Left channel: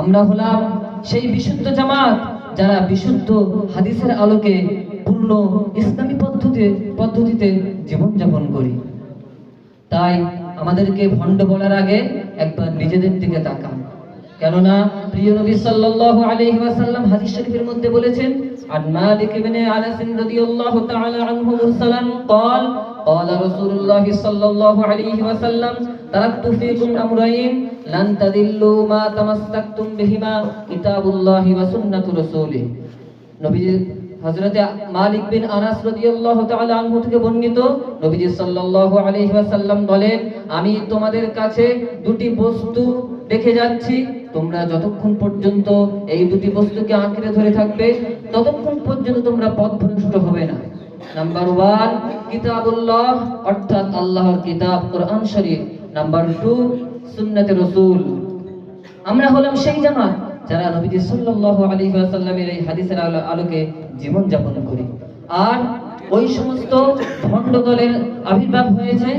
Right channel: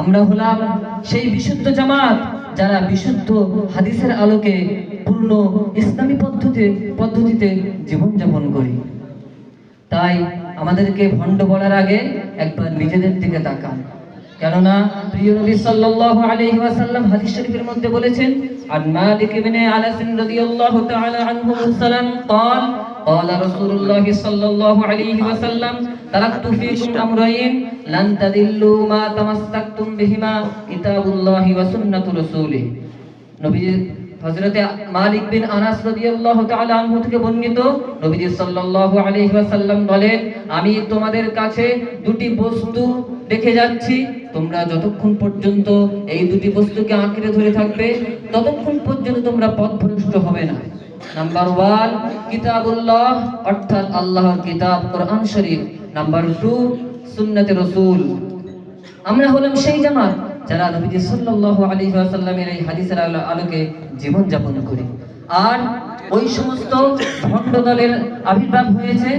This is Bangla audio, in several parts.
আমরা হলাম সেই বিশুদ্ধ জামাত যারা বিশুদ্ধ হাদিসের আলোকে পূর্ণ ইসলামী পদ্ধতিতে জীবনযাপন করি। তাই আমাদেরকে ভণ্ড বলার আগে একবার নিজেদের দিকে তাকান। কেননা প্রিয় নবী সাল্লাল্লাহু আলাইহি ওয়াসাল্লাম হাদিস শরীফের মধ্যে বলেছেন, আন মালিক ইবনে আনাস রাদিয়াল্লাহু তাআলা আনহু মুরসালান قال قال رسول الله صلى الله عليه وسلم تركت فيكم امرين لن تضلوا ما تمسكتم بهما كتاب الله وسنة رسوله। নবীজি হযরতে মালিক বিন আনাস রাদিয়াল্লাহু তাআলা আনহু থেকে বর্ণিত, নবীজি সাল্লাল্লাহু আলাইহি ওয়াসাল্লাম বলেন, আমি তোমাদের কাছে দুটি বস্তু রেখে যাচ্ছি, তোমরা যতক্ষণ পর্যন্ত এই দুটি বস্তুকে আঁকড়ে ধরে থাকবে ততক্ষণ পর্যন্ত তোমরা পথভ্রষ্ট হবে না। নাম্বার 1 কিতাবুল্লাহ, অর্থাৎ আল্লাহর কিতাব কোরআন শরীফ। নাম্বার 2 সুন্নাতে রাসূল। আমরা হলাম সেই জামাত যারা নবীজি সাল্লাল্লাহু আলাইহি ওয়াসাল্লামের এই হাদিসের আলোকে জীবন যাপন করি। আর ওই সমস্ত ভণ্ড দলের আবির্ভাব হয়েছে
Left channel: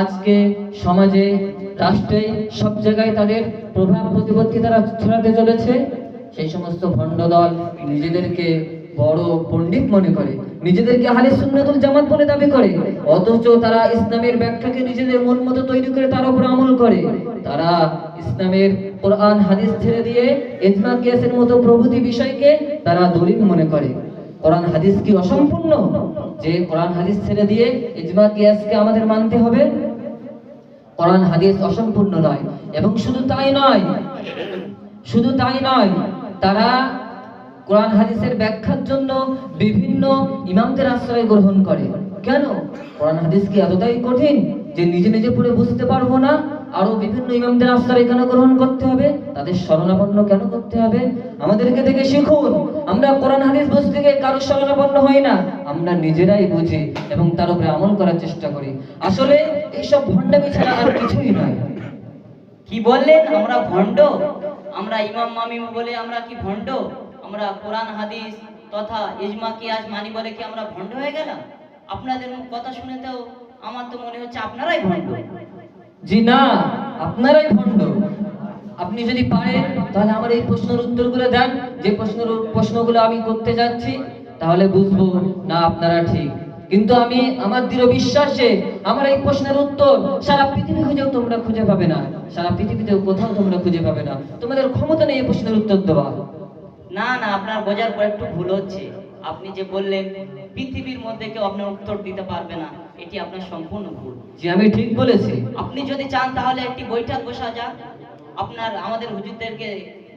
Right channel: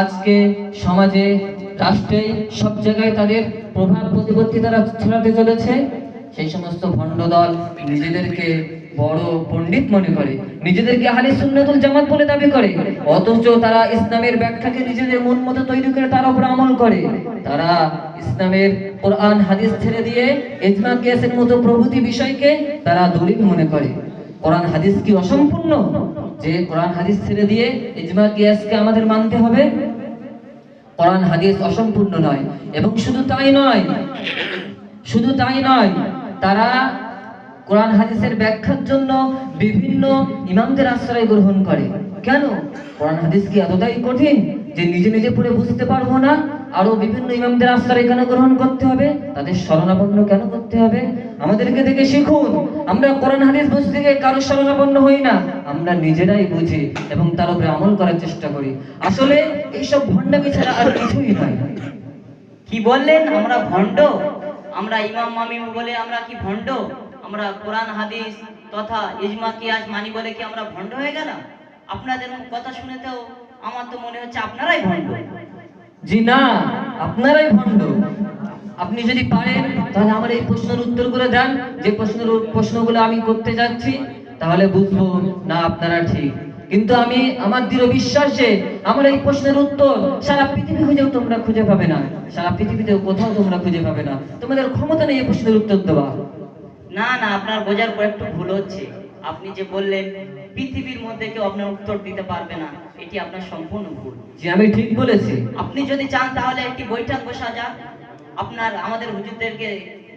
আজকে সমাজে, রাষ্ট্রে, সব জায়গায় তাদের প্রভাব প্রতিপত্তি তারা ছড়াতে চলেছে। সেই সমস্ত ভণ্ড দল নিজেদেরকে বড় পণ্ডিত মনে করে, নিজেদেরকে আহলে সুন্নাতুল জামাত বলে দাবি করে, অথচ তারা ইসলামের ব্যাখ্যাকে নিজেদের মন মতো তৈরি করে তার উপর আমল করে। তারা ইসলামের কোরআন হাদিস ছেড়ে দিয়ে ইজমা কিয়াসের মতো প্রভৃতি বিষয়কে তারা দলিল মনে করে। কোরআন হাদিস কি অসম্পূর্ণ যে কোরআন হাদিস ছেড়ে দিয়ে ইজমা কিয়াসকে আমাদের মানতে হবে? কোরআন হাদিস অসম্পূর্ণ নয়। এবং শুধু তাই নয়, তারা কোরআন হাদিসের ব্যাখ্যার জন্য বিভিন্ন ইমামদের আশ্রয় গ্রহণ করে। কেন? কোরআন হাদিস কি এতটাই কঠিন যে নিজে নিজে পড়ে বুঝতে পারবো না? আরো বিভিন্ন ইমামদের আশ্রয় কেন গ্রহণ করতে হবে? তাদের শরণাপন্ন কেন করতে হবে? আমাদেরকে দেখে শিখুন। আমরা কোরআন হাদিস বুঝতে গিয়ে কারো শরণাপন্ন হই না, আমরা নিজেরাই বুঝি এবং তার উপরে আমল করার চেষ্টা করি। আসলে এইসব ভণ্ডামি ছাড়া আর কিছুই নয়। কি বললেন? আমরা ভণ্ড? আমরা ইমাম মামিম বলে আমরা কি ভণ্ড? আমরা কোরআন হাদিস তথা ইজমা কিয়াস মানি বলে কি আমরা ভণ্ড হয়ে গেলাম? আপনাদের কথা শুনে তো আমার তো মনে হচ্ছে আপনারাই ভণ্ড। জি না, আপনারাই ভণ্ড। আপনি যদি পারেন তাহলে আমার এই প্রশ্নের উত্তরগুলো দেন, যে প্রশ্নগুলো আমি করতে যাচ্ছি, তাহলে বুঝবো না আপনারা ঠিক। কিন্তু আমি আমার দৃঢ় বিশ্বাসে আমার এই প্রশ্নের উত্তর সারা পৃথিবী খুঁজেও তোমরা খুঁজে পাবে না, সারা পৃথিবীতেও কোথাও তোমরা খুঁজে পাবে না। তোমাদের ক্ষমতা নেই এই প্রশ্নের উত্তর দেওয়া। না না, আপনার বোঝার একটু ভুল হচ্ছে। আপনি যে বললেন পৃথিবীর মধ্যে কেউ আপনার উত্তর দিতে পারবে না, এটি আপনার সম্পূর্ণ ভুল। যে আমি ঠিক বলেছি? আপনি যদি চান তাহলে একটি বৈঠক বসা যাক, আমাদের হুজুরদেরকে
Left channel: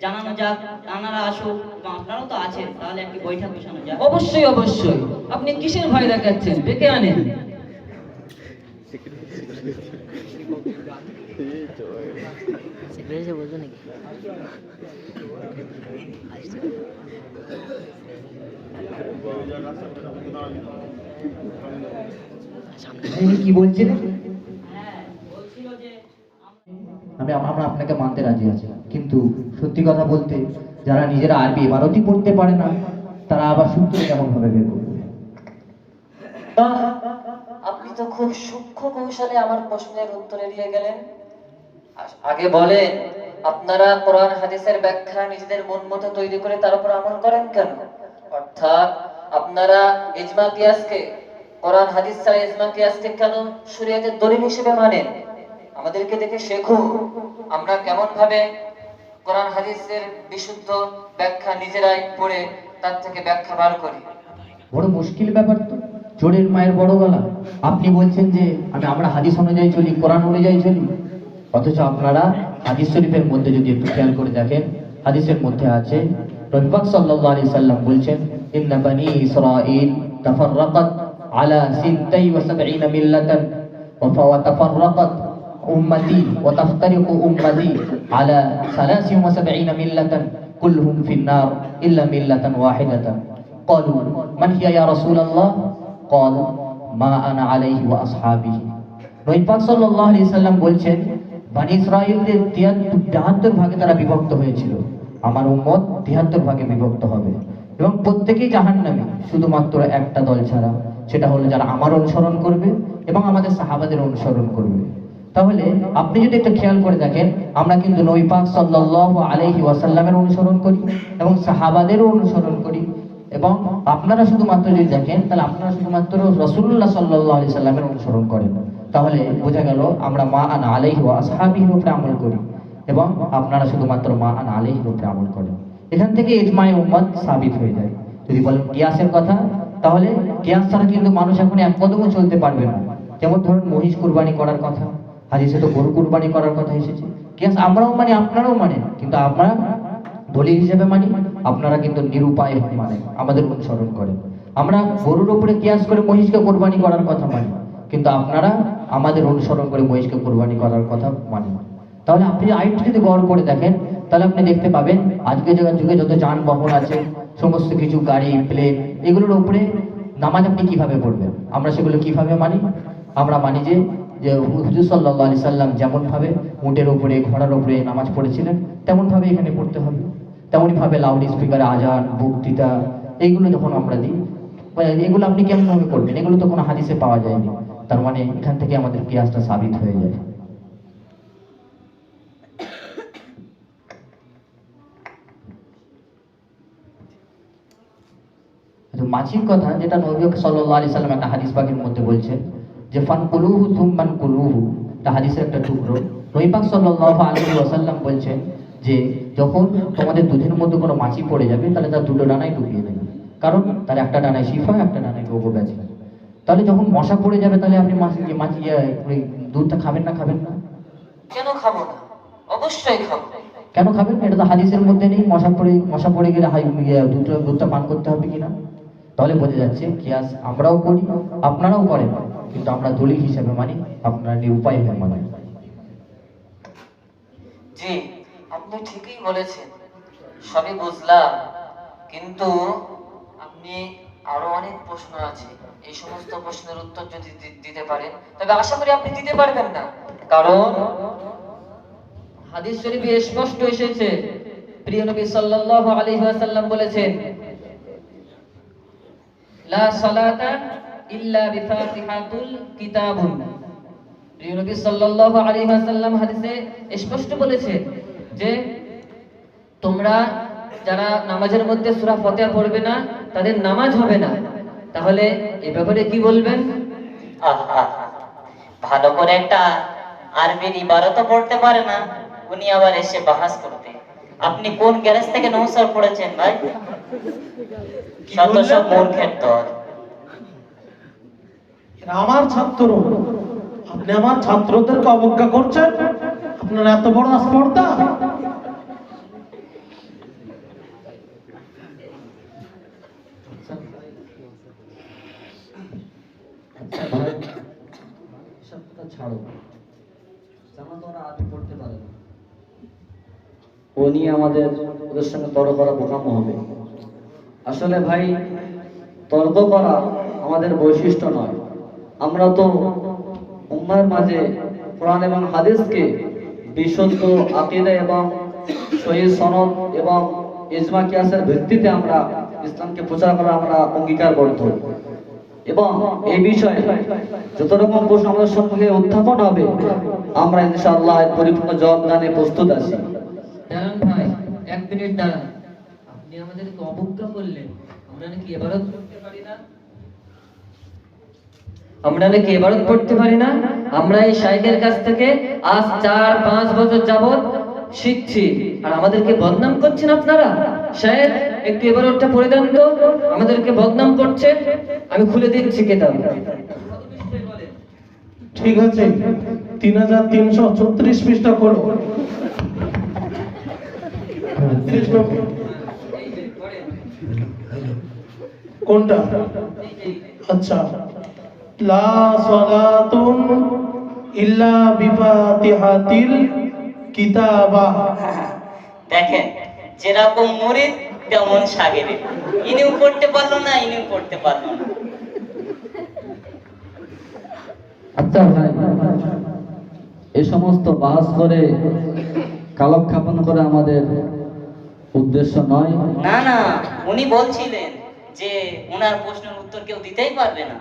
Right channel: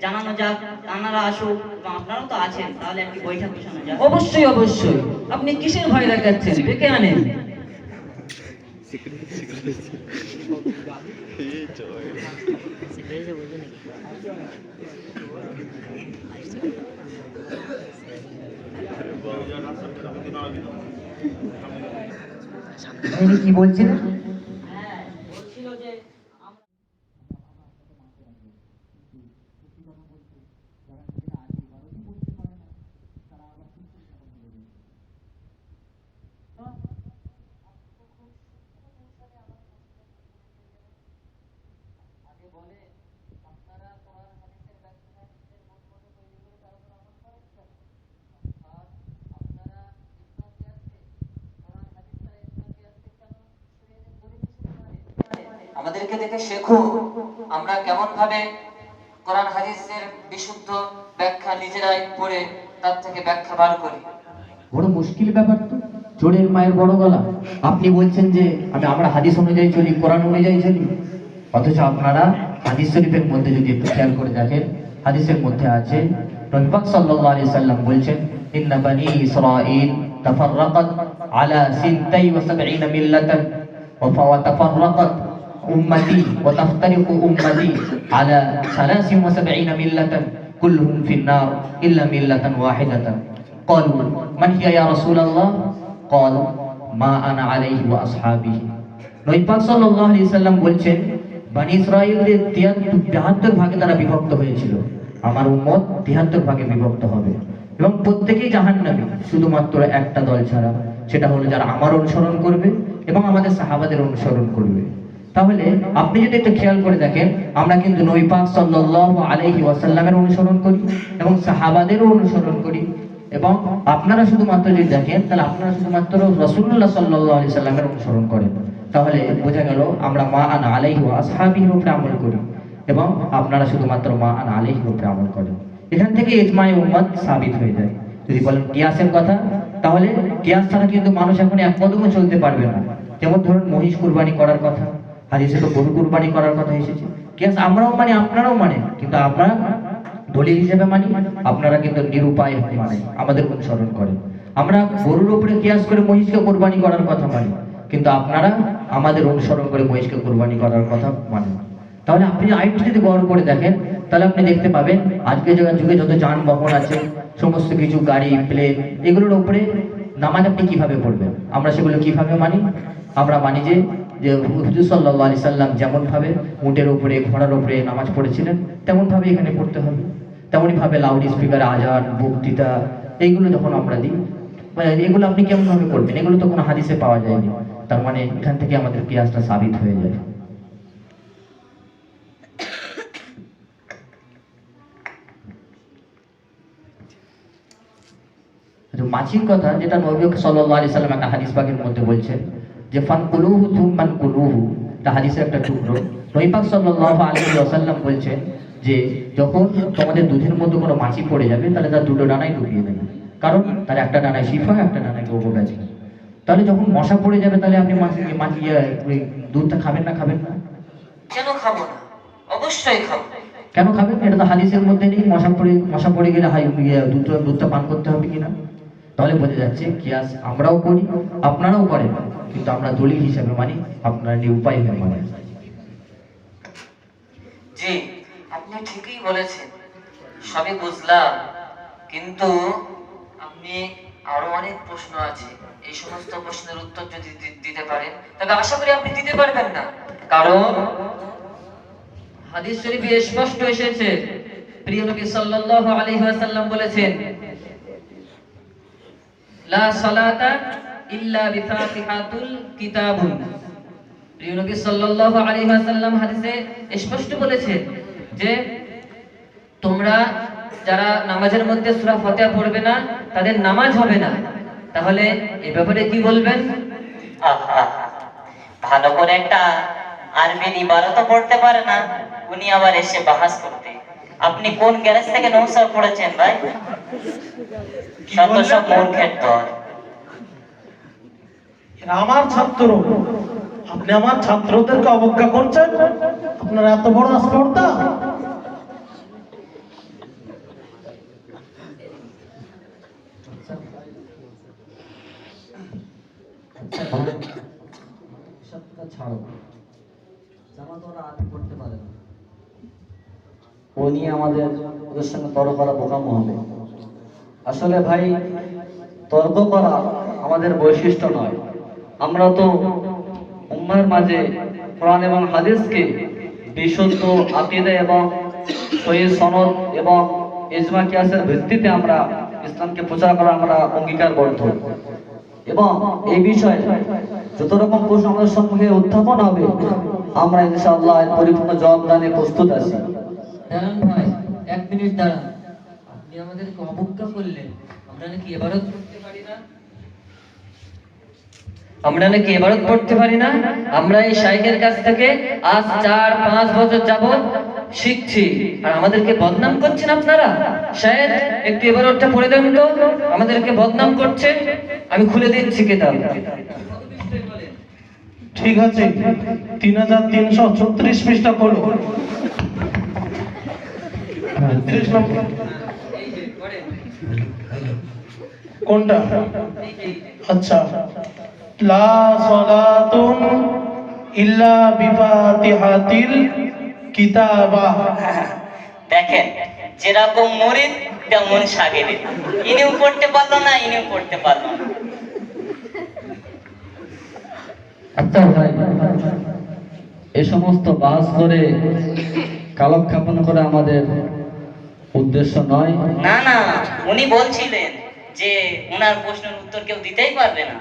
জানানো যাক, তানারা আসুক, এবং আপনারাও তো আছেন, তাহলে একটি বৈঠক বসানো যাক। অবশ্যই। আপনি কিসের ভয় দেখাচ্ছেন? ডেকে আনেন। কি বলছেন? আমরা আপনাকে মানতে রাজি আছি, কিন্তু সত্যি কথা বলতে যারা নিজেরা আরবি ইবারতই পড়তে পারে না, তারা আবার সূত্র কেমন ভাবে বের করবে? আপনি তো খুব সূক্ষ্ম কৌশলে আমার প্রশ্নের উত্তর এড়িয়ে গেলেন। আগে বলেন, আপনারা কোরআন হাদিসের ব্যাখ্যা নিজেদের মন মতো তৈরি করে তার উপর আমল করেন কেন? অর্থাৎ আপনারা ইজমা কিয়াসকে, কোরআন হাদিস ছাড়া ইজমা কিয়াসকে কেন শরীয়তের দলিল হিসেবে মানেন? আমাদেরকে দেখে শেখো আমরা কেমন ভাবে কোরআন হাদিসের বিশুদ্ধ ব্যাখ্যা নিজেরাই পড়ে তার থেকে ব্যাখ্যা বার করি। বড় মুশকিল ব্যাপার তো, চোরের মায়ের বড় গলা। আপনি বলছেন যে আমরা হাদিস অনুযায়ী চলি, কোরআন অনুযায়ী চলি, অথচ আপনারা হাদিস শরীফের মধ্যে যদি একটু খেয়াল করে দেখেন, হাদিসের মধ্যে আছে নবী পাক সাল্লাল্লাহু আলাইহি সাল্লাম বলছেন, ইন্না বানি ইসরাঈল তাফাররাকাত আলা 76 মিল্লাতান ওয়া তাফাররাকাত উম্মতি ওয়া তাফতারিকু উম্মতি আলা 73 মিল্লাতান কুল্লুহুম ফিন-নার ইল্লা মিল্লাতান ওয়াহিদাতান। ক্বালু মান হিয়া ইয়া রাসূলুল্লাহ? ক্বাল মা আনা আলাইহি ওয়া আসহাবিহি। নবী পাক সাল্লাল্লাহু আলাইহি সাল্লাম বলছেন, বনি ইসরাঈলদের 73 ভাগে তারা বিভক্ত হয়েছিল, আমার উম্মত 73 ভাগে বিভক্ত হবে এবং প্রত্যেকেই জাহান্নামী, শুধুমাত্র একটা দল ছাড়া, সেটা হলো যারা আমার অনুসরণ করবে এবং আমাদের সাহাবাদের অনুসরণ করবে। তাহলে আপনি যদি একটু খেয়াল করে দেখেন, আমরা কিন্তু নবী পাক সাল্লাল্লাহু আলাইহি ওয়াসাল্লামের অনুসরণ করি এবং সাহাবাদেরও অনুসরণ করি, এবং আপনারা শুধুমাত্র যদি দেখেন তাহলে আপনারা শুধুমাত্র রাসূলুল্লাহ সাল্লাল্লাহু আলাইহি সাল্লামের অনুসরণ করেন। তাহলে বোঝা গেল আমরা মা আনা আলাইহি ওয়া আসহাবিহির উপরে আমল করি এবং আপনারা শুধুমাত্র মা আনা আলাইহির উপরে আমল করেন। এখান থেকে ইজমায়ে উম্মাত সাবিত হয়ে যায়। যদি বলেন কিয়াসের কথা, তাহলে কিয়াস ছাড়া কিন্তু মানুষ এখন এক কদমও চলতে পারবে না। যেমন ধরুন মহিষ কুরবানি করার কথা, হাদিসে তো গরু কুরবানি করার কথা এসেছে। কিয়াস আমরাও মানি, আপনারাও মানেন, কিন্তু আমরা দলিল হিসেবে মানি, আপনারা কিন্তু নিরুপায় মানে আমাদের অনুসরণ করেন। আমরা গরুর উপরে কিয়াস করে মহিষকে কুরবানি করার কথা মানি, কিন্তু আপনারা আমাদের অনুসরণ করে মহিষকে কুরবানি করার কথা মানেন। তাহলে আপনি আরেকটু যদি গৌর করে দেখেন, তাহলে আপনি দেখতে পাবেন আজকে যুগে যত যানবাহন আছে, সমস্ত কিছু গাড়ি, প্লেন, এগুলোর উপরে নামাজ আপনি কিভাবে পড়বেন? আমরা সেগুলো কিভাবে মানি? আমরা মানি যে হুজুর সাল্লাল্লাহু আলাইহি সাল্লাম যেমন ভাবে উটের উপরে, ঘোড়ার উপরে নামাজ পড়েছিলেন, তেমন ভাবে এখানে পড়তে হবে। তেমনই ভাবে লাউড স্পিকারে আজান, বক্তৃতা, এইগুলো যখন আমরা দিই, এগুলো আপনি কেমন ভাবে করবেন? এগুলো তো কোনো হাদিসে পাওয়া যায়নি। তার মানে এখান থেকে আমাদের কিয়াসটা সাবিত হয়ে যায়। মাছির কথা, যেটা নবী সাল্লাল্লাহু আলাইহি সাল্লাম একটা হাদিস পাকের মধ্যে বলছেন যে ফানকুলুহু থুম্মান কুলুহু, এটা হাদিসের একটা টুকরো। নবী পাক সাল্লাল্লাহু আলাইহি ওয়াসাল্লাম বলছেন যে যখন তোমাদের দুধের মধ্যে কোনো মাছি পড়ে যাবে, তাহলে তার দুটো ডানায় ডুবিয়ে দেবে, কারণ তার একটা ডানায় শিফা, একটা ডানায় রোগ ব্যাধি। তাহলে যখন মশা পড়ে যাবে, তাহলে আপনি মাছি ওই দুধটা খাবেন না? খাবেন না? কেন খাবো না? অবশ্যই খাবো। কেন খাবেন? এটা তো হাদিসের মধ্যে নেই। মশা পড়ে গেলে দুধটা পান করতে হবে কিনা। তাহলে বোঝা যাচ্ছে কিয়াস আমরাও করি, আপনারাও করেন, কিন্তু আমরা দলিল হিসেবে মানি, আপনারা নিরুপায় হয়ে মানেন। জি, আপনি ঠিকই বলেছেন, সবই বুঝলাম, কিন্তু আপনি আরো অনেক প্রশ্ন আছে। এই সমস্ত প্রশ্নের উত্তর যদি দিতে পারেন, তবে আশা করি আপনি দিতে পারবেন না, কারণ হাদিস শরীফে স্পষ্ট এসেছে, প্রিয় নবী সাল্লাল্লাহু আলাইহি ওয়াসাল্লাম বলেছেন, লা সালাতা ইল্লা বিফাতিহাতুল কিতাবুন। প্রিয় নবী সাল্লাল্লাহু আলাইহি ওয়াসাল্লাম হাদিসে স্পষ্ট বলেছেন যে তোমরা যারা নামাজের মধ্যে সূরা ফাতিহা পড়বে না, তাদের নামাজ হবে না। তাহলে এই ব্যাপারে কি বলবেন? আহা, ভালো করে একটা আরবি ইবারতও পড়তে পারে না, উনি আবার এসে বাহাস করতে। আপনি কোন গ্যারেজ থেকে নৌসার পড়েছেন ভাই? সব মূর্খের দল। এরা আমার ছাত্র, আপনি আমার ছাত্রদেরকে অবজ্ঞা করছেন? আপনার এত বড় স্পর্ধা? ছাড়ো, জামাত ওরা আরবি পড়তে পারে না, ও নিয়ে আমাদের ওদের সঙ্গে তর্ক করা বোকামো হবে। আসলে ভাই, তর্ক করা আমাদের বৈশিষ্ট্য নয়। আমরা তো উম্মাহর মাঝে কোরআন এবং হাদিসকে বিশুদ্ধ আকীদা এবং সহিহ সনদ এবং ইজমা কিয়াসের ভিত্তিতে আমরা ইসলামকে প্রচার করা আমরা অঙ্গীকারবদ্ধ, এবং এই বিষয়ে যত রকম প্রশ্ন আমাদের সম্মুখে উত্থাপন হবে, আমরা ইনশাআল্লাহ পরিপূর্ণ জবাব দানে প্রস্তুত আছি। দাঁড়ান ভাই, 1 মিনিট দাঁড়ান। আপনি আমাদেরকে অবজ্ঞা করলেন, আমরা নাকি ইবাদত করতে পারি না? আমরা এই শাইখের কাছ থেকে আজ 4-5 বছর যাবত শিখছি, আর আমাদেরকে বদনাম করছেন আপনারা। শায়েখ, একটু ইবাদতটা পড়ে দেন তো, আমাদেরকে বদনাম করছে। আমি খুলে দিচ্ছি কিতাব। ঠিক আছে, 3336 পৃষ্ঠা করো। 30 নম্বর কোনটা? আচ্ছা, লা সালাতুন ইল্লা বিফাতিহাতিল কিতাবা। দেখেন, যেরকম মুরিদ তেমন শাগিরিদ। ইনিও পড়তে পারলো না, ইনিও পড়তে পারলো না। আচ্ছা ভাই, এই সমস্ত বাস করে কালক্ষেপণ করে আমাদের উদ্দেশ্য নয়। না না, উনি বলছিলেন যে ওনার প্রশ্নের উত্তর কেউ দিতেই পারবে না।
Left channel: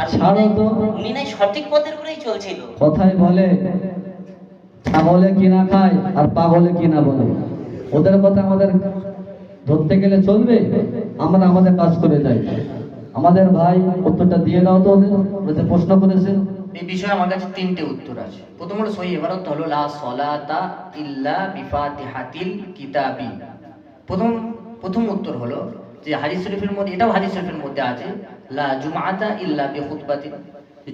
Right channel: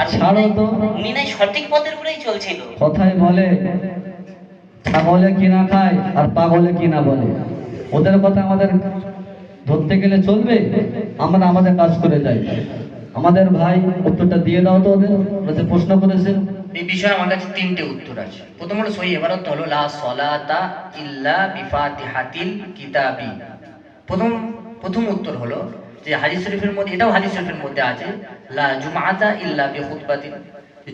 আর ছাড়ো তো, উনি নাই সঠিক পথের উপরেই চলছিল। কথায় বলে ছাগলে কি না খায় আর পাগলে কি না বলে। ওদের কথা আমাদের ধরতে গেলে চলবে? আমরা আমাদের কাজ করে যাই। আমাদের ভাই উত্তরটা দিয়ে দাও তো ওদের, ওরা যে প্রশ্ন করেছেন। এই বিষয়ে আমার কাছে তিনটে উত্তর আছে। প্রথম হলো সহি ইবারত হলো লা সলাতা ইল্লা বিফাতিহাতিল কিতাবি। প্রথম উত্তর হলো যে হাদিস শরীফের মধ্যে, এটাও হাদিস শরীফের মধ্যে আছে, লা জুমআতা ইল্লা বিখুতবাতিন,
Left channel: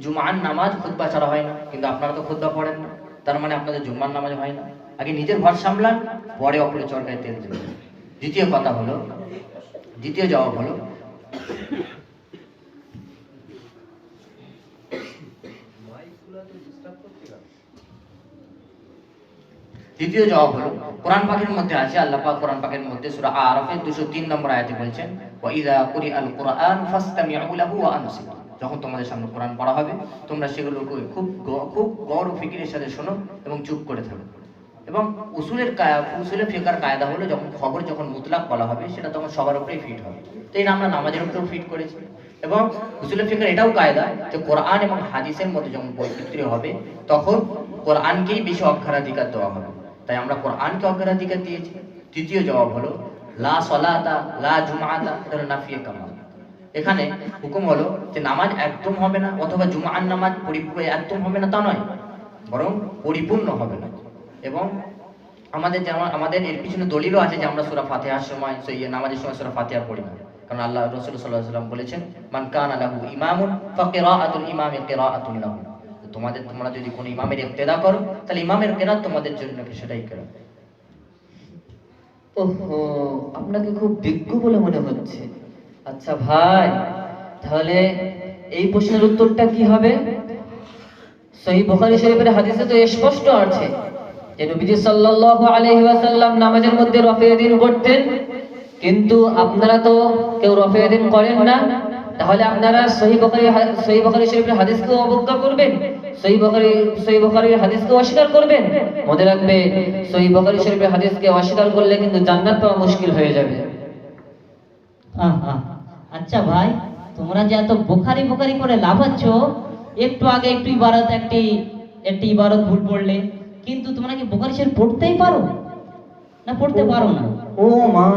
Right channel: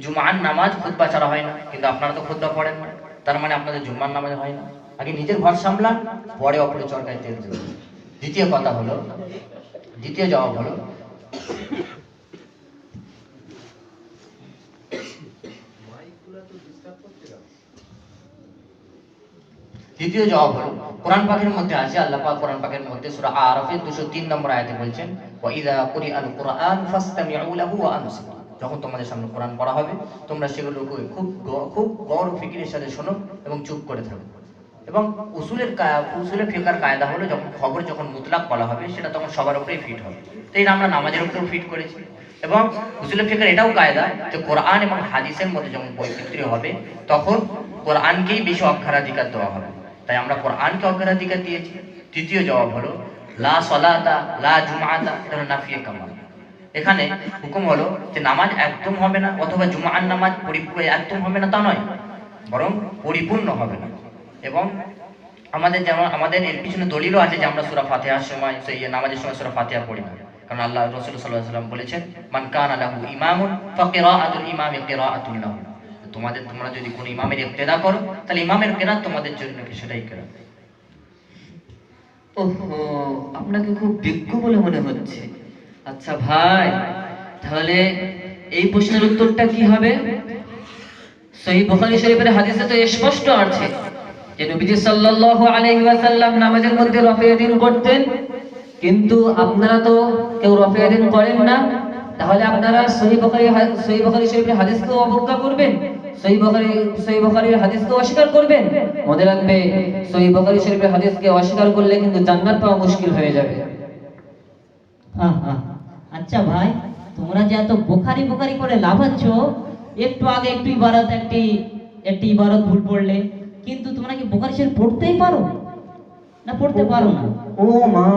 জুমআর নামাজ খুতবা ছাড়া হয় না। কিন্তু আপনারা তো খুতবা পড়েন না, তার মানে আপনাদের জুম্মার নামাজ হয় না। আগে নিজের ঘর সামলান, পরে অপরে চরকায় তেল দেবেন। দ্বিতীয় জবাব হলো কোরআন পাকের মধ্যে আছে, আল্লাহ পাক কোরআন পাকের মধ্যে সূরা আরাফের 203 নম্বর আয়াতে বলছেন, ওয়া ইযা কুরিআল কুরআন ফাসতামিউ লাহু ওয়া আনসিতু। যখন তোমাদের সামনে কোরআন পড়া হবে, তোমরা সেগুলোকে খুব গৌর ফিকিরের সাথে শোনো এবং চুপ করে থাকো। এবং উসুলের ফিকার কায়দা হলো, যখন মুতলাক বলা হবে সেটা তখন সবার উপরেই ফিট হবে। তো এটা আমরা নামাজের উপরেও ফিট করেছি। এবং উসুলের ফিকার এটাও কায়দা যে কোরআন এবং হাদিসের মধ্যে যখন বৈচিত্র্য হবে, তখন কোরআনকেই বেশি অগ্রাধিকার দেওয়া হবে। তাই আমরা কোরআনকে অগ্রাধিকার দিয়েছি। তৃতীয় জবাব হলো লা সলাতা লা জুমআতা, এটা হলো নাফিয়ে কামাল। এখানে হুকুম হলো যে নামাজ একদম হবে না, অথবা জুমআর নামাজ পরিপূর্ণ একদম হবে না তা নয়, বরং পরিপূর্ণ হবে না। এবং আমাদের এর পিছনে দলিলও আছে যে আমরা সূরা ফাতিহার সময়, সেই নামাজের সময় সূরা ফাতিহা পড়ি না। কারণ আল্লাহ রাসূল সাল্লাল্লাহু আলাইহি ওয়াসাল্লাম বলেছেন, মান কানা লাহু ইমামুন ফাকিরাআতুল ইমামি কিরাআতুন লাহু। তোমরা যদি কোনো ইমামের ইক্তেদা করো, তাহলে ইমামের কেরাত তোমাদের জন্য সেটাই কেরাত। ওহো, আপনাকে খুব বিজ্ঞ বলে মনে হচ্ছে। আচ্ছা ভাই, তাহলে এই প্রশ্নের উত্তরটা কি হবে? সহিহ বুখারী শরীফের হাদিসে তো স্পষ্ট আছে যে নবীজি সাল্লাল্লাহু আলাইহি ওয়াসাল্লাম নামাজের মধ্যে রফে দিন করতেন, কিন্তু আপনারা তো কেউ রফে দিন করেন না। তাহলে আপনারা সহিহ বুখারী শরীফের হাদিসকে অবজ্ঞা করবেন, সহিহ বুখারীর হাদিসকে অস্বীকার করবেন। মনে রাখবে, সহিহ বুখারী শরীফের হাদিসকে অস্বীকার করলে কিন্তু জান্নাত পাওয়া মুশকিল হয়ে যাবে। আচ্ছা ভাই, তোমরা যে এত বোখারি বোখারি করে লাফাচ্ছ, একটু আগে একটি ইবারত ভুল পড়লে, কিন্তু তোমরা কি বোখারি শরীফ পড়তেই পারো না পড়তে পারো না? ও মা,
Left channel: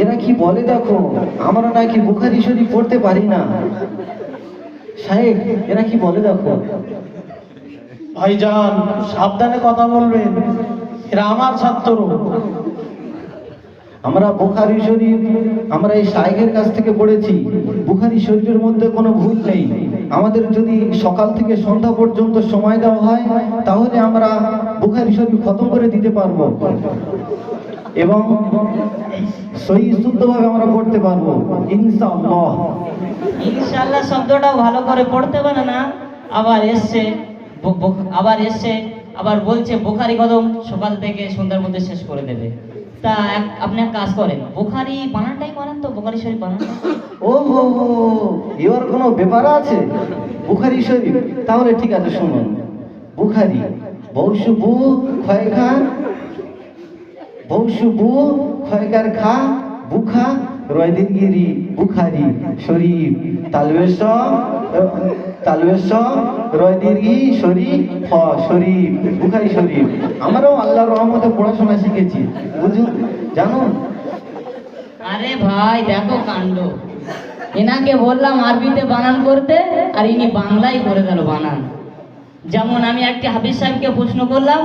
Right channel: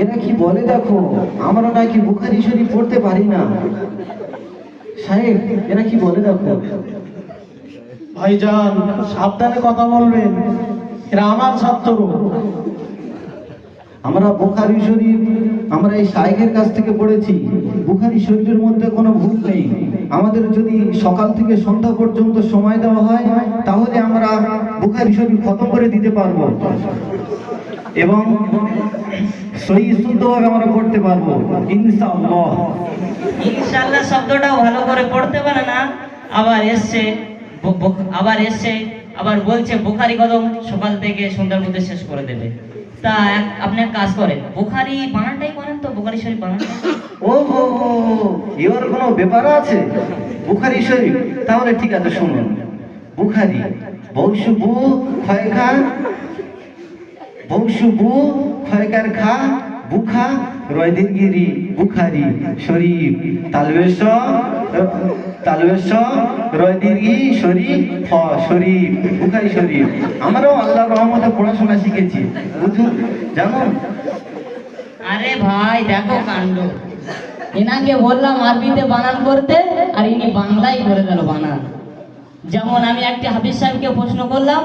এরা কি বলে দেখো, আমরা নাকি বুখারী শরীফ পড়তে পারি না। সাহেব, এরা কি বলে দেখো। ভাইজান, সাবধানে কথা বলবেন, এরা আমার ছাত্র। আমরা বুখারী শরীফ আমরা এই শাইখের কাছ থেকে পড়েছি। বুখারী শরীফের মধ্যে কোনো ভুল নেই। আমাদের যদি সকাল থেকে সন্ধ্যা পর্যন্ত সময় দেওয়া হয়, তাহলে আমরা বুখারী শরীফ খতম করে দিতে পারবো এবং সহিহ শুদ্ধভাবে আমরা পড়তে পারবো ইনশাআল্লাহ। ইনশাআল্লাহ শব্দটাও ভালো করে পড়তে পারে না, আবার বলছে বোখারি কদম সকাল থেকে সন্ধ্যার মধ্যে শেষ করে দেবে। তা আপনি এক কাজ করেন, বোখারি বানানটাই করেন তো, বোখারি শরীফ বানানটাই। ও হো হো, এর কোনো ব্যাপার আছে বুখারী শরীফ? তাহলে ঠিক আছে, শুনুন। বুখারী বৌশুবু খয়কার খা বুখা রয়দিনগিরি বুখারী শরীফ তালবেশ রয়দিনগি শরীফ শরীফ বুখারী শরীফ। আমরাও আল্লাহর রহমতে পড়াশোনা শিখেছি, বুঝুন, জানুন। আরে ভাই দেখো কাণ্ড, এনাকে বললাম আরবিতে বানান করতে, আর ইনি বাংলায় করে দিল বানান। যেমন আমি একটা হাফিজ সাহেবকে প্রশ্ন করলাম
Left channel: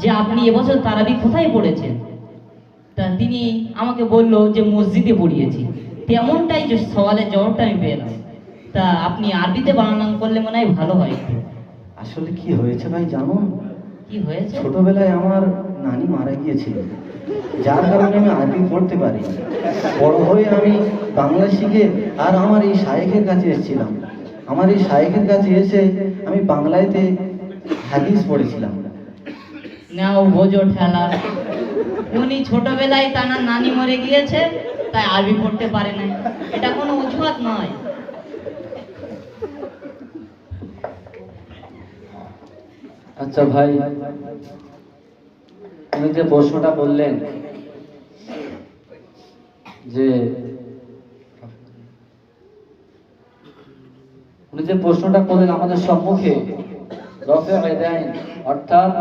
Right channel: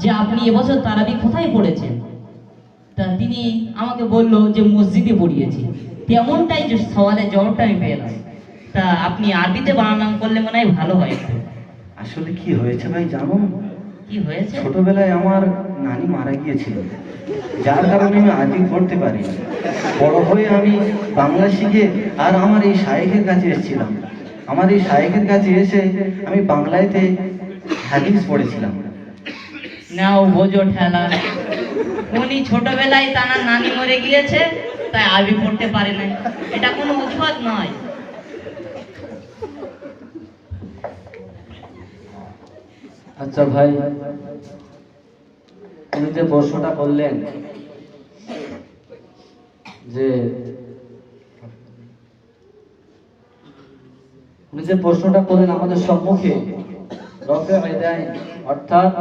যে আপনি এবছর তারাবি কোথায় পড়েছেন, তা তিনি আমাকে বলল যে মসজিদে পড়িয়েছি। তেমনটাই যে সওয়ালের জবাবটা আমি পেলাম। তা আপনি আরবিতে বানান করলে মনে হয় ভালো হয় একটু। আসলে কি হয়েছে ভাই জানুন? কি হয়েছে? ছোটবেলায় আমার নানি মারা গিয়েছিল, যার কারণে আমি আরবি পড়তে পারি। বড় হয়ে আমি বাংলা শিখে আর আমার এই শায়েখের কাছে এসেছিলাম। আমার এই শায়েখের কাছে এসে আমি বাংলাতে হাদিস পড়েছিলাম। নাও বোঝো ঠেলা, উনি ছোটবেলায় তার নানি মরে গিয়েছে, তাই আরবি পড়তে পারে না। এটা কোনো অজুহাত নয়। আচ্ছা ভাই, আপনি যে প্রশ্নটা করলেন যে উনি যে প্রশ্নটা করলেন আমাদের সম্মুখে, রফে আদাইন অর্থাৎ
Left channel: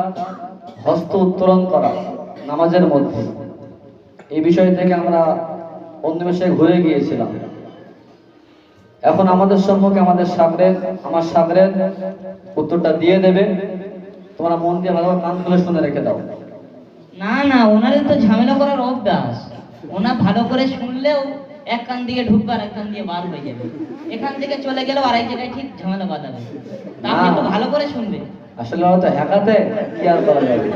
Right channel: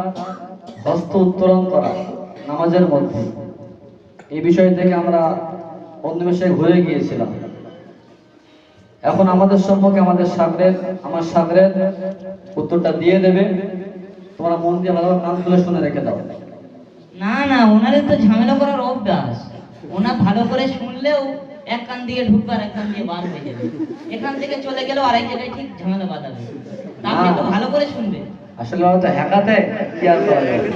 হস্ত উত্তোলন করা নামাজের মধ্যে, এই বিষয় থেকে আমরা অন্য বিষয়ে ঘুরে গিয়েছিলাম। এখন আমাদের সম্মুখে আমার সাগরের উত্তরটা দিয়ে দেবে। তোমরা মন দিয়ে ভালো কান খুলে শুনে রেখে দাও। না না, ওনাদের তো ঝামেলা করার অভ্যাস। ওনা ভালো করে শুনলেও এক কান দিয়ে ঢুকবে আর এক কান দিয়ে বার হয়ে যাবে, এখান থেকে চলে গেলেও আরেক জায়গায় ঠিক ঝামেলা বাঁধাবে। তা আপনি একটু ভালো করে শুনবেন। আসলে হয়তো হ্যাকাতে কি আর করা যাবে।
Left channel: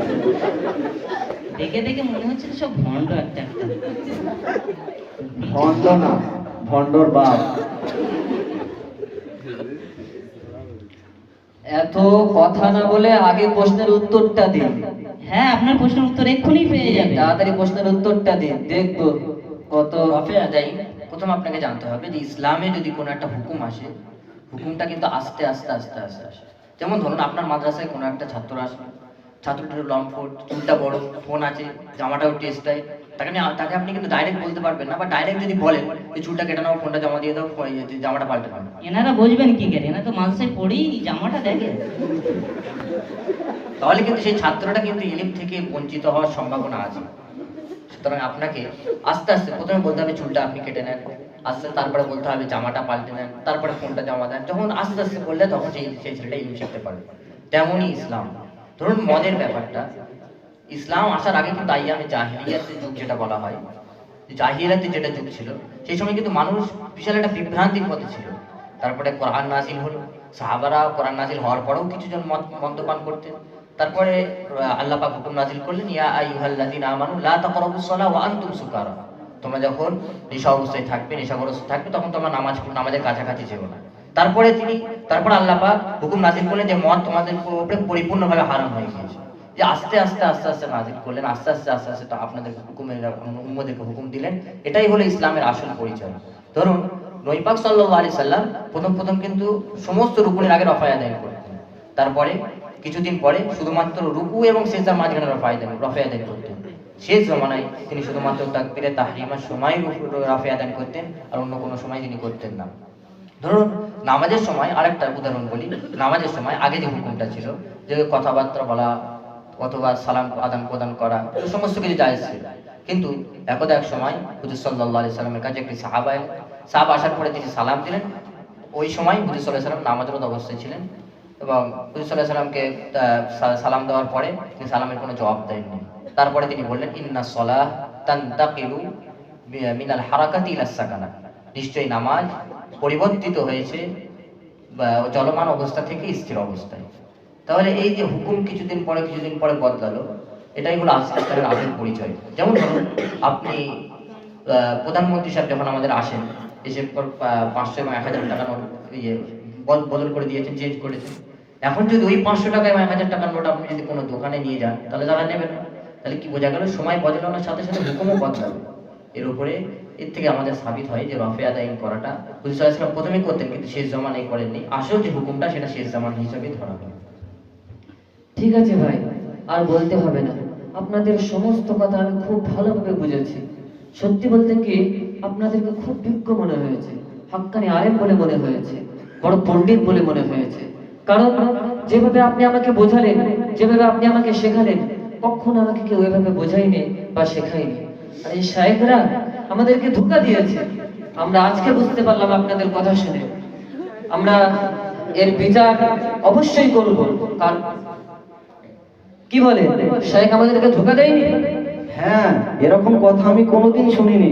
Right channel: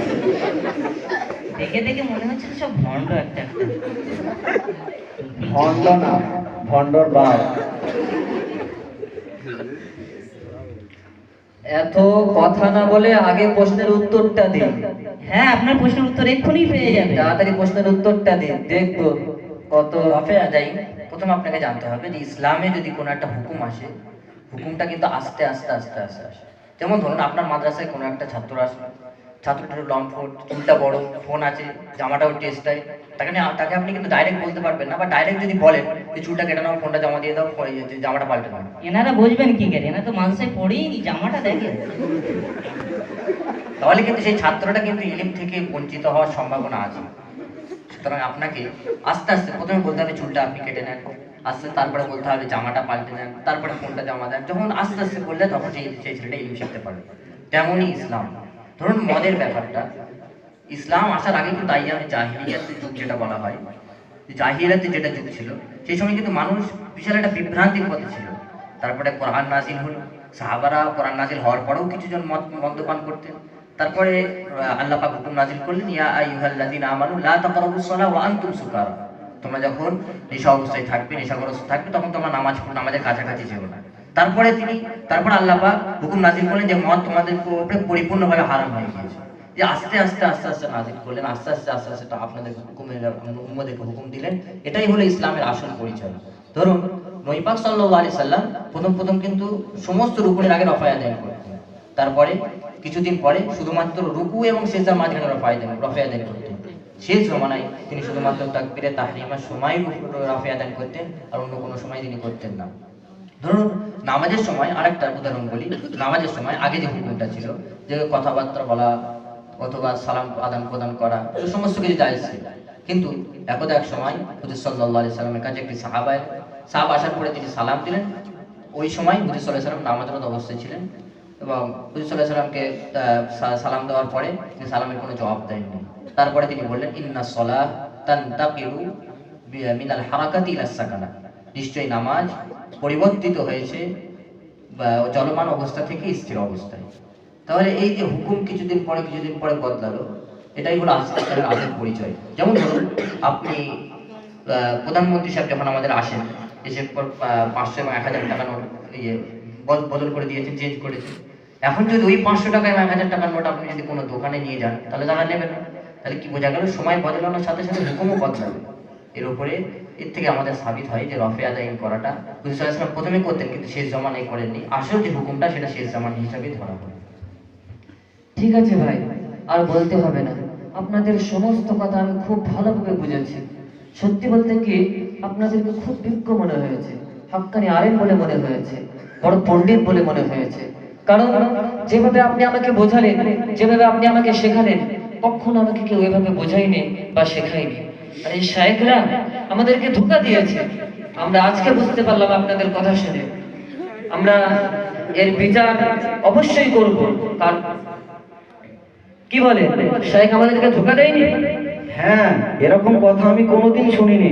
দেখে দেখে মনে হচ্ছে তো সব ভণ্ড একটা একটা। ভণ্ড না, ভণ্ডর বাপ। এত কথা না বলে আগে প্রশ্নের উত্তরটা দিন। হ্যাঁ, আপনার প্রশ্নের উত্তর এক্ষুনি পেয়ে যাবে। তাড়াতাড়ি প্রশ্নের উত্তরটা দিন, দেখবো কত। রফে আদায় প্রথমে আপনাকে জানতে হবে যে ইসলামে যদি কোনো একটা হুকুম আসে, হুকুমটা কিন্তু আস্তে আস্তে আস্তে আস্তে আসে। যেমন ধরুন আপনার মাদ্রাসায় কোনো একটা ছাত্র আসলো, ছাত্রটার লং ফুট, চুলটা বড়, ফোন আছে, জামাটাও টেস্টাই, তাকে আপনি কিন্তু ডাইরেক্ট বলতে পারবেন না, বা ডাইরেক্ট যদি বলেন যে চুলটা কেটে নাও, ফোনটা জমা দিয়ে দাও, জামাটা পাল্টে নাও, এনারা বুঝবেন কি করে? এনারা তো মানুষে পড়েই নি, জামাটা দেখে। তাহলে কিন্তু সেই ছাত্রটা কিন্তু ইলিম থেকে বঞ্চিত হওয়ার সম্ভাবনা আছে। সুতরাং আপনাকে আস্তে আস্তে প্রথমে বলতে হবে চুলটা আপনি কেটে নেন, আস্তে তারপরে বলতে হবে জামাটা পাল্টে নেন, তারপরে ফোনটা জমা দেন। যখন আস্তে আস্তে করলে তখন সেই ছেলেটা ইলিম শিখতে পারবে। তেমনই ইসলাম। ধরুন মদের ব্যাপারটা, ইসলাম আসার আগে কিন্তু আইয়ামে জাহিলিয়াতের যুগ যেটা বলা হয়, জাহিলিয়াতের যেটা যুগ ছিল, সেই সময় কিন্তু মানুষ বিশাল একটা বিভ্রান্তির পথে ছিল। তারপরে কোরআন নাজিল হল, সাহাবারা কোরআন নাজিল হওয়ার পরেও কিছুজন মদ্যপান করতেন। তারপরে আল্লাহ পাক হুকুম নাজিল করলেন, ইয়া আইয়ুহাল্লাযীনা আমানু লা তাকরাবুস সালাহ ওয়া আনতুম সুকারা। তোমরা যখন নেশা অবস্থায় থাকবে, নেশাগ্রস্ত থাকবে, তখন তোমরা নামাজের কাছাকাছি যেও না। তারপর আল্লাহ পাক হুকুম নাজিল করলেন যে মদ তোমাদের উপরে পরিপূর্ণভাবে হারাম হয়ে গিয়েছে। যে আস্তে আস্তে আস্তে আস্তে নাজিল করলেন, আস্তে আস্তে আস্তে আস্তে আপনাদের উম্মতদেরকে হুকুম দিলেন। এটাই হলো ইসলামের আসল পরিচয়। ধরুন নবী পাক সাল্লাল্লাহু আলাইহি সাল্লাম প্রথম কিন্তু সমস্ত রুকুনের আগে রফা আদায় করতেন। তারপরে কিছুদিন পরে শুধুমাত্র রুকু এবং সিজদার মাঝখানে রফা আদায় করতেন। শেষ জমানায় তিনি শুধুমাত্র তাকবীরে তাহরিমার সময় রফা আদায় করতেন, আর অন্য কোনো সময় তিনি করতেন না। ধরুন নামাজের সময় আরেকটা উদাহরণ বলি। নামাজের সময় আগে যে হুকুমটা ছিল, যে কথাবার্তা বলা অথবা সালাম আদান প্রদান করা, এই সমস্ত কিছু জায়েজ ছিল। কিন্তু একদা এক সময় হুজুর সাল্লাল্লাহু আলাইহি সাল্লামের কাছে একটি সাহাবা আসার পরে তিনি সালাম দিলেন। ওই সময় হুজুর সাল্লাল্লাহু আলাইহি সাল্লাম নামাজরত অবস্থায় ছিলেন, এবং হুজুর সাল্লাল্লাহু আলাইহি সাল্লামকে সালাম দেওয়ার পরে তিনি সালামের কোনো জবাব দেননি। তারপরে তিনি বললেন, ইন্না সলাহ তানতাকিলু মিনাল হারাকাতি ইলা সাকানা। নিশ্চয়ই নামাজ পরিবর্তিত হয়েছে চলমান অবস্থা থেকে স্থির অবস্থায়। তাহলে এই যে হুকুম কিছুদিন পরে বদলালো, এটাই হলো ইসলামের আসল পরিচয়। যেমন ধরুন আপনি প্রধানমন্ত্রী সাহেব যখন আমাদের আসেন, এসে 500 এবং 1000 টাকা নোট বদল করে দিয়েছেন, চেঞ্জ করেছেন। এখন যদি ওই 500 টাকা এবং 1000 টাকার নোট আপনি যদি কোনো দোকানে নিয়ে যান, তাহলে তারা নেবে না। তাহলে কি বোঝা গেল? সময় বদলানোর সাথে সাথে হুকুমও বদলাবে। এর থেকে আমাদের সাবিত হয় যে রফে আদায় করাটা হুজুর সাল্লাল্লাহু আলাইহি ওয়াসাল্লাম প্রথমে করতেন, কিন্তু শেষ জামানায় করেননি। আসল যে হুকুমটা সেটা শেষ জামান হিসাবে ধরা হয়। ঠিক আছে ভাই, আর বলতে হবে না। আপনাদের সমস্ত কথা আমি খুব ভালোভাবে বুঝেছি। সত্যি বলতে কি, আপনাদেরকে খুব বিজ্ঞ মনে হয়েছে, হাক্কানি আলেম বলে মনে হয়েছে, বড় পণ্ডিত বলে মনে হয়েছে। কারণ যেভাবে আপনি আমাকে বোঝালেন, যেভাবে আপনি আমাকে শেখালেন, কখনো আমাকে কেউ এভাবে বোঝায়নি বা শেখায়নি। আর এই শায়েখরা আমাদেরকে ধোঁকা দিয়েছে। আমরা আজকে বুঝতে পারলাম আপনাদের কথা শুনে। আমরা এর বিচার অবশ্যই করব। কারণ কি বলে, শায়েখ আমাদেরকে ধোঁকা দেয়নি? হ্যাঁ, এরকম কথা আমি কোনোদিন শুনিনি।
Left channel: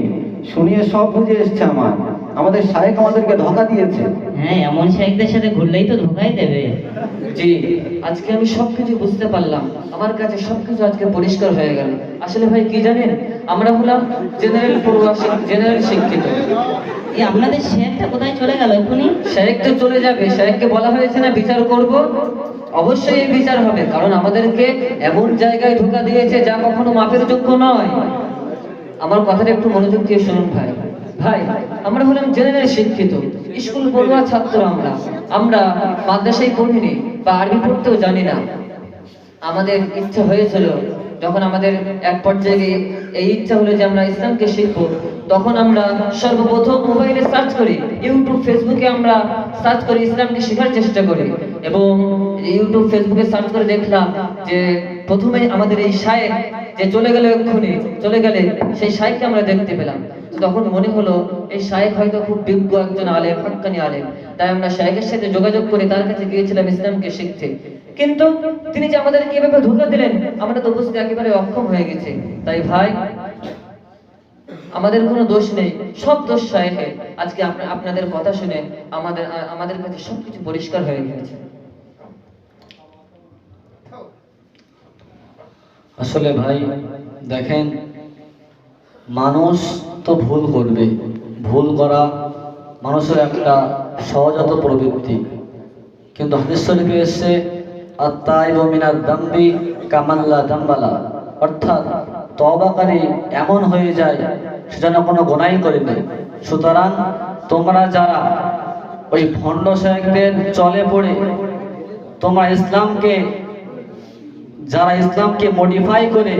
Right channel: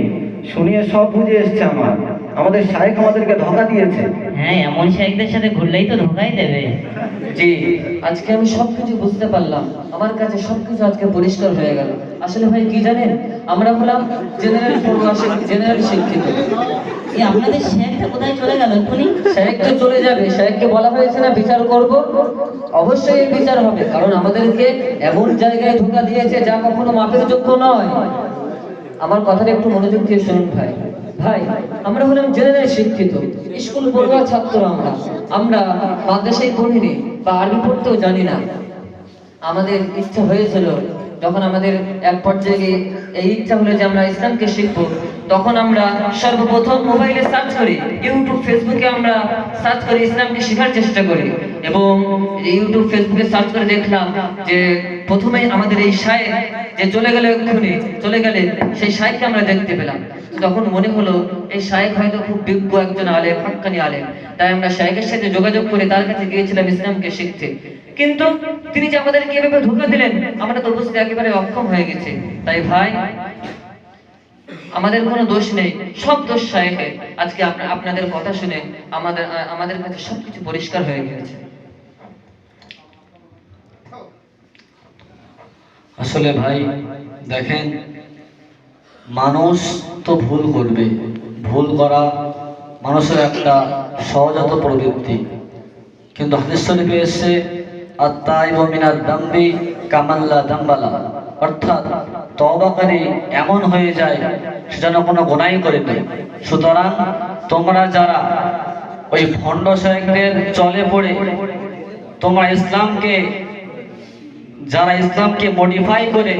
শুনিয়ে সব বুঝে এসছে আমাদের শায়েখ আমাদেরকে ধোঁকা দিয়েছে। হ্যাঁ, এমন শাইখদের সাথে ঘুরলেই তো ধোকাই দেবে। জি, আজকে আমি সবকিছু বুঝতে পারলাম। আমার কাছে সবকিছু আজকে পরিষ্কার হয়ে গেল। আসলে ভাই কি জানেন, আমরা হলাম জেনারেল পড়ুয়া, জেনারেল শিক্ষিত। এই আপনাদের শেখটা কোথায় চলে গেল এক্ষুনি? শায়েখ তো চলে যাবে, শায়েখকে বলা হয়েছে না বিচার করব। অবশ্যই এই বিচার হবে, কারণ আমাদেরকে এমন জায়গায় ধোঁকা দিয়েছে যা কখনো মাপের যোগ্য নয়। আমার কথাটা একটু মনোযোগ দিয়ে শুনুন ভাই। আমরা হলাম জেনারেল শিক্ষিত, স্কুল পড়ুয়া ছাত্র। আমরা মাদ্রাসায় পড়িনি বা আরবি পড়তেও জানি না। আমাদের ইচ্ছা হয়েছিল, যখন আমাদের এক পর্যায়ে এই ইচ্ছা হলো যে আমরা ইসলামকে শিখবো, তখন আমরা সর্বপ্রথম মোবাইলে সার্চ করি, ইউটিউব ফেসবুকে আমরা সার্চ করে ইসলামকে শেখার চেষ্টা করি। এবং ইউটিউব ফেসবুকে সার্চ করে দেখলাম যে প্রথমেই আমাদের এই শায়েখ যে চলে গেলে সেই শায়েখকে আমরা দেখতে পেলাম। তখন মনে হলো এই শায়েখ হয়তো খুব বিজ্ঞ একজন আলেম, হক্কানি আলেম, তাই আমরা শায়েখের সাথে যোগাযোগ করে তার কাছে গিয়েছিলাম ইসলামকে শিখতে। কিন্তু তিনি যে আমাদেরকে এভাবে ধোঁকা দিলেন, আমরা তো বুঝতে একেবারে অক্ষম হয়ে গেছি। তাই ভাই, আমাদের কোনো দোষ নেই, সব দোষ শায়েখের। আজকে আপনাদের কথা শুনে আমাদের কাছে সবকিছু পরিষ্কার হয়ে গেছে। আসলে ভাই দেখেন, মানুষ তো ভুল করবে, ভুল করা মানুষের একটা সহজাত প্রবৃত্তি। কিন্তু হাদিস শরীফে এসেছে আত-তাইবু মিনাদ দামবি কামান লা দামবালা, অর্থাৎ তওবাকারী এমন হয়ে যায় সেটা না কোনো গুনাহই করেনি। সুতরাং তোমরা যারা ওই ভণ্ড শায়েখদের চলে পড়ে তোমরা ইসলামকে মডিফাই করে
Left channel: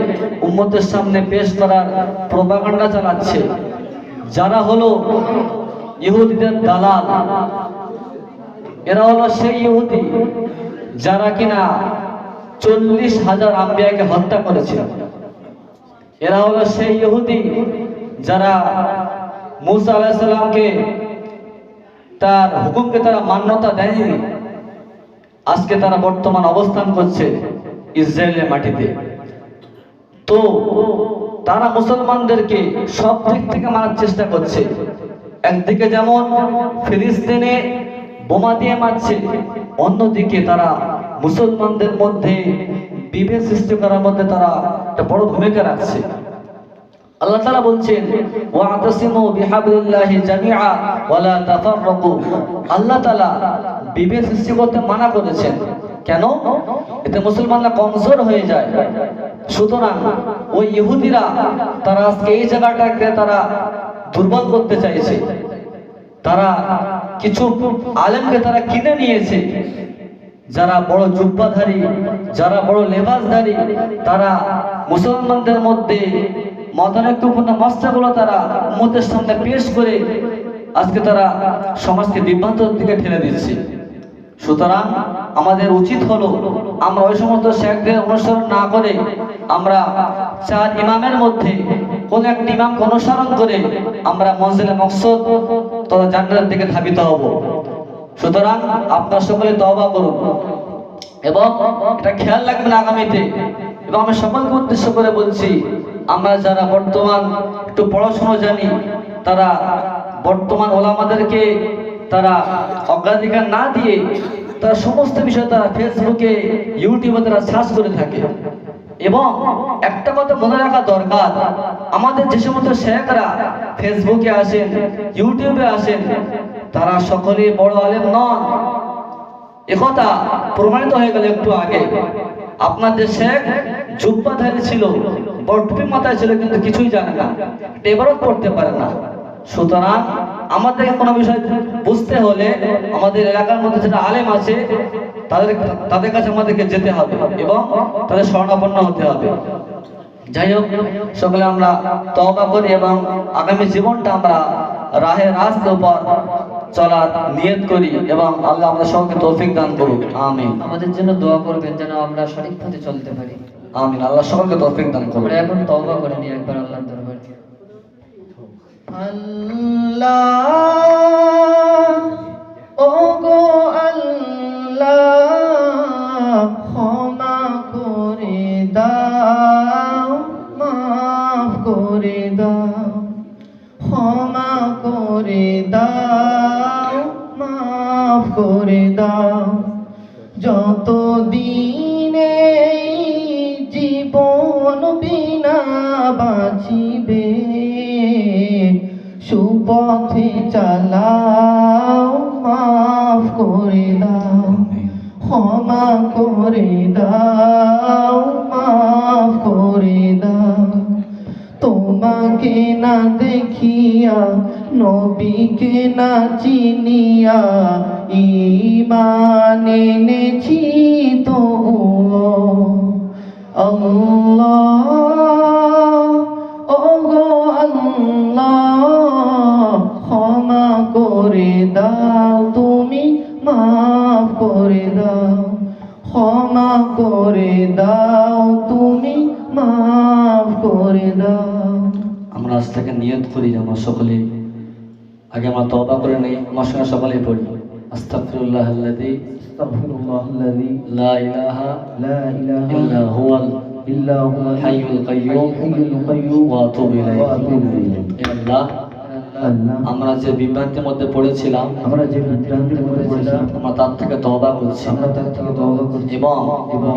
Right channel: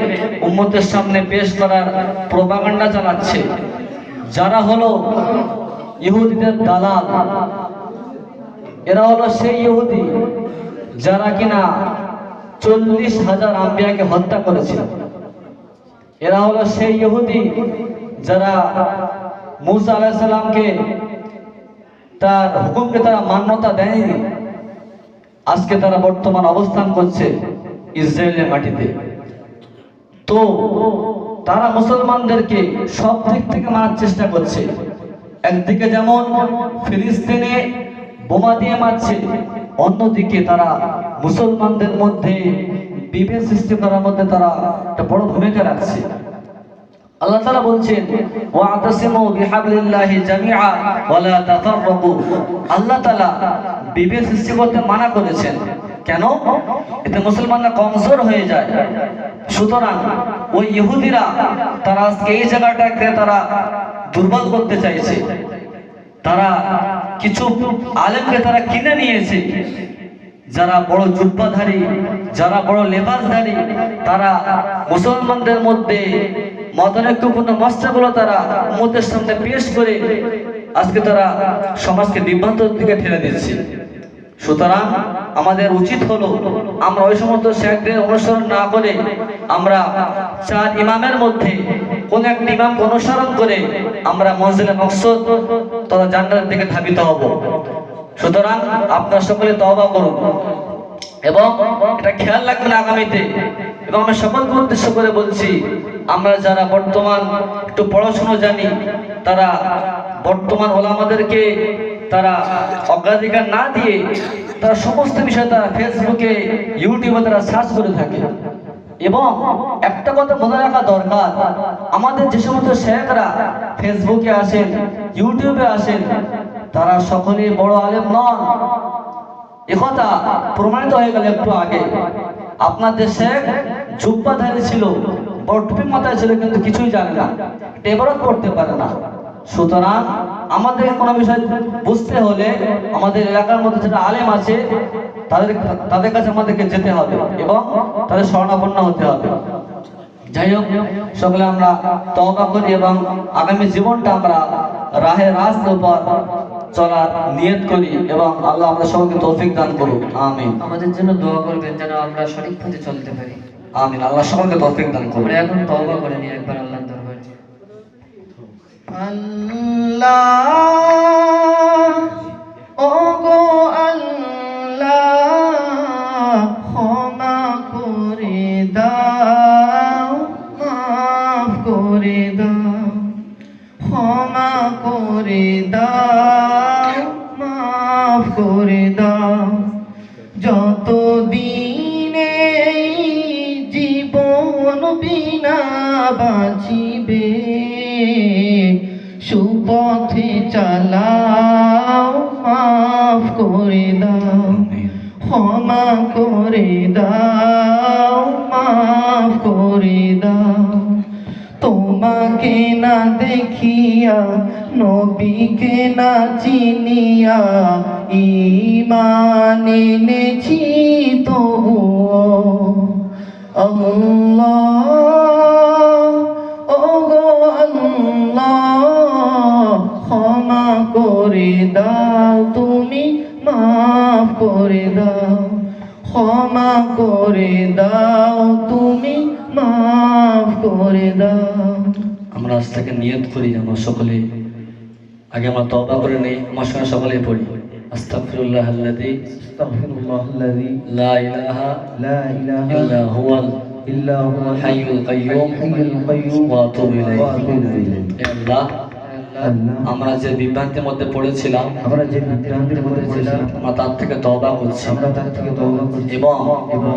উম্মতের সামনে পেশ করার প্রোপাগান্ডা চালাচ্ছে, যারা হলো ইহুদিদের দালাল, এরা হলো সেই ইহুদি যারা কিনা 40,000 আম্বিয়াকে হত্যা করেছিল। এরা হলো সেই ইহুদি যারা মুসা আলাইহিস সালামকে তার হুকুমকে তারা মান্যতা দেয়নি। আজকে তারা বর্তমান অবস্থান করছে ইসরায়েলের মাটিতে। তো তারা মুসলমানদেরকে সব দিক থেকে মারার চেষ্টা করছে। একদিকে যেমন ফিলিস্তিনে বোমা দিয়ে মারছে, অন্যদিকে তারা মুসলমানদের মধ্যে বিভেদ সৃষ্টি করার মধ্যে তারা একটা বড় ভূমিকা রাখছে। আল্লাহ তাআলা বলছেন ওয়া'তাসিমু বিহাবলিল্লাহি জামিআ ওয়া লা তাফাররাকু। আল্লাহ তাআলা বিভেদ সৃষ্টি করতে মানা করেছেন। কেন? এতে মুসলমানরা কমজোর হয়ে যায়। সুতরাং ওই ইহুদিরা তারা আজকে এই জায়গাটাকে তারা দুর্বল করতে চাইছে। তারা কিছু আলেমকে তারা কিনে নিয়েছে, যারা বড় জুব্বাধারী, যারা বড় লেবাসধারী, তারা মুসলমানদের মধ্যে মতানৈক্যপূর্ণ মশলাগুলো তারা উম্মতের সামনে পেশ করে আজকে তারা সমাজকে বিভ্রান্তর দিকে ঠেলে দিচ্ছে। সুতরাং আমাদের উচিত হলো আমরা ওই সমস্ত শেখদের অনুসরণ না করে আমরা 4 ইমামের মধ্যে কোন একটা ইমামকে অনুসরণ করে আমরা মঞ্জিলে মকসদ তথা জান্নাতের দিকে ধাবিত হব। সুতরাং আপনারা সকলে তওবা করুন এবং এটা খেয়াল রাখবেন আগামীতে। এবং আমি সকলকে উদ্দেশ্য করে বলছি, আমরা যারা বর্তমান একটু পড়াশোনা জানি, তারা বর্তমান ওলামাদেরকে তারা অগ্রাধিকার না দিয়ে তারা সমস্ত বিষয় তারা ফেসবুকে, ইউটিউবে তারা সার্চ করে থাকে। এবং একটা কথা মনে রাখা দরকার, আমাদের যে সমস্ত শেখরা ফেসবুকে আসেন, ইউটিউবে আসেন, তারা সকলে বড় আলেম নন। একথা প্রমাণিত হয়ে গেল একটু আগে। আপনাদের শেখ জুব্বাধারী ছিল, বড় টুপি মাথায় ছিল, কিন্তু কিছুই জানে না, ইবাদত করতে পারে না। সুতরাং আমাদের কোনো বিষয় বুঝতে হলে আমাদের এলাকার মধ্যে যারা আলেম আছে তাদের কাছে আমাদেরকে যেতে হবে এবং তাদের শরণাপন্ন হতে হবে। যাই হোক, সকলে আমরা তওবা করি এবং আগামী জীবনটা আমরা রাহে রাস্তার উপর চলার নিয়ত করি এবং আল্লাহ আমাদের সকলকে তৌফিক দান করুন। আমিন। আমাদের জন্য দোয়া করবেন যেন আমরা সঠিক পথে চলতে পারি। আমিন। আল্লাহ সকলকে তৌফিক দান করুন। আমরা এখন তওবা করে নিই একবার আল্লাহর দরবারে। আল্লাহ, ওগো আল্লাহ, ক্ষমা করে দাও, মাফ করে দাও, ক্ষমা করে দাও, মাফ করে দাও। যতদিনে জীবন বিনা বাঁচিবে, সুপথে চালাও, মাফ করে দাও, ক্ষমা করে দাও, মাফ করে দাও। তোমাকে না দেখিয়া, নবীকে না চিনিয়া, ঈমান এনেছি তবুও। আল্লাহ, করে দাও, ক্ষমা করে দাও, তুমি মাফ করে দাও। আমরা আজ থেকে নিয়ত করি আমরা সকলে আগে আমরা তওবা করে নেই, আমার সঙ্গে সকলেই পড়ি আস্তাগফিরুল্লাহ আল্লাযী আস্তাগফিরুল্লাহাল্লাযী লা ইলাহা লা ইলাহা ইল্লা হুয়াল ইল্লা হুয়াল হাইয়ুল কাইয়্যুম হাইয়ুল কাইয়্যুম ওয়া আতুবু ইলাইহি। ওয়া আতুবু ইলাইহি। হে আল্লাহ, আল্লাহ, আমরা যে বিভ্রান্তির মধ্যে পড়েছিলাম আমরা যে বিভ্রান্তির মধ্যে পড়েছিলাম আমরা তার থেকে তওবা করছি আমরা তার থেকে তওবা করছি এবং এবং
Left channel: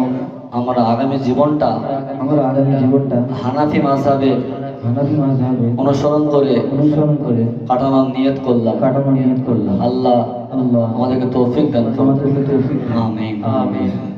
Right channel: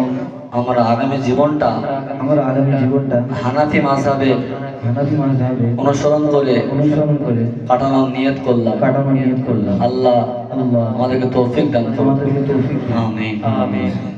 আমরা আগামী জীবনটা আমরা আগামী জীবনটা হানাফি মাযহাবের হানাফি মাযহাবে অনুসরণ করে কাটানোর নিয়ত করলাম। কাটানোর নিয়ত করলাম। আল্লাহ আল্লাহ আমাদেরকে তৌফিক দান করুন। আমাদেরকে তৌফিক দান। আমিন। আমিন।